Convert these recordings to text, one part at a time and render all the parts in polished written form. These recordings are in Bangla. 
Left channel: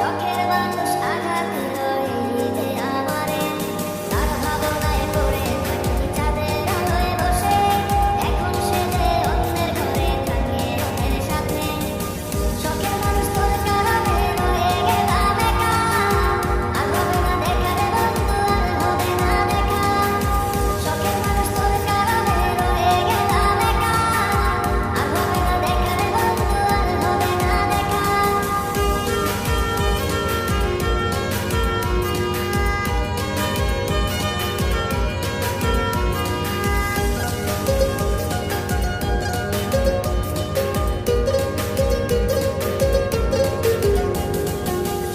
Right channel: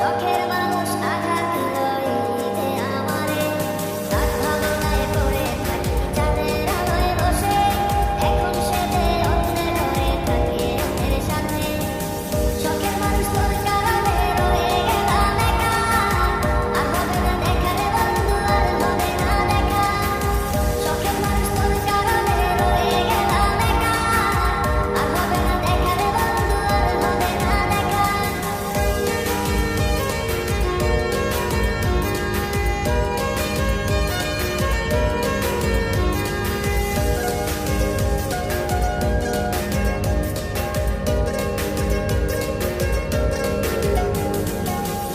শখের মানুষ আঘাত দিল এই যে আমারে, তার ভাবনায় পড়ে থাকি চাঁদের আলোয় বসে, এখন সে যে অন্যের ঘরে থাকে অন্যের সাথে। শখের মানুষ তোর কারণে রয়ে গেলাম একা, আর হবে না দেখা রে বন্ধু, আর হবে না দেখা। শখের মানুষ তোর কারণে রয়ে গেলাম একা, আর হবে না দেখা রে বন্ধু, আর হবে না দেখা।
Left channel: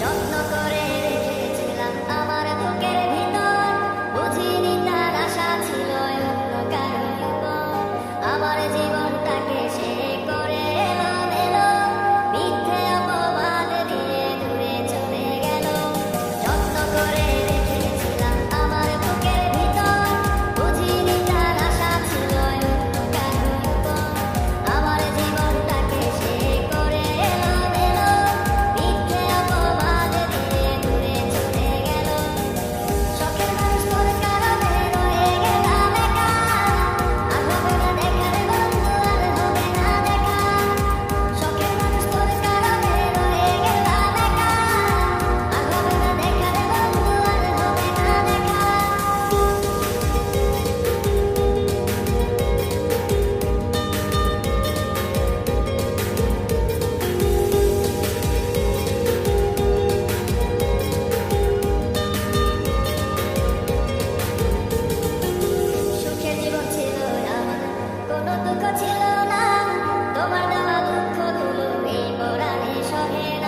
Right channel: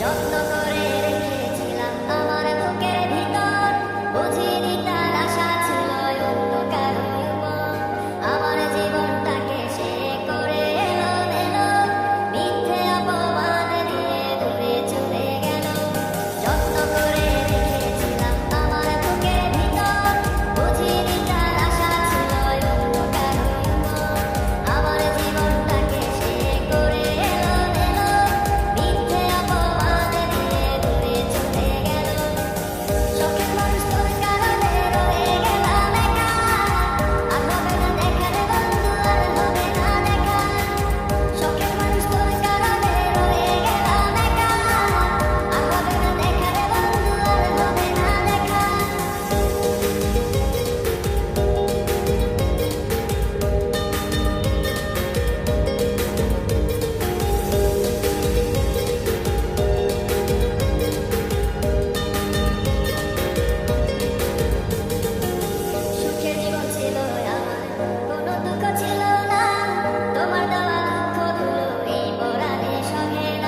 যত্ন করে রেখেছিলাম আমার বুকের ভিতর, বুঝিনি তার আশা ছিল অন্য কারো উপর। আমার জীবনটাকে সে করে এলো মেলো, মিথ্যে অপবাদ দিয়ে দূরে চলে গেল। যত্ন করে রেখেছিলাম আমার বুকের ভিতর, বুঝিনি তার আশা ছিল অন্য কারো উপর। আমার জীবনটাকে সে করে এলো মেলো, মিথ্যে অপবাদ দিয়ে দূরে চলে গেল। শখের মানুষ তোর কারণে রয়ে গেলাম একা, আর হবে না দেখা রে বন্ধু, আর হবে না দেখা। শখের মানুষ তোর কারণে রয়ে গেলাম একা, আর হবে না দেখা রে বন্ধু, আর হবে না দেখা। সুখের জীবন ছিল আমার, কোনো দুঃখ ছিল না, তোমার দেওয়া দুঃখগুলো এই পরাণে সহে না।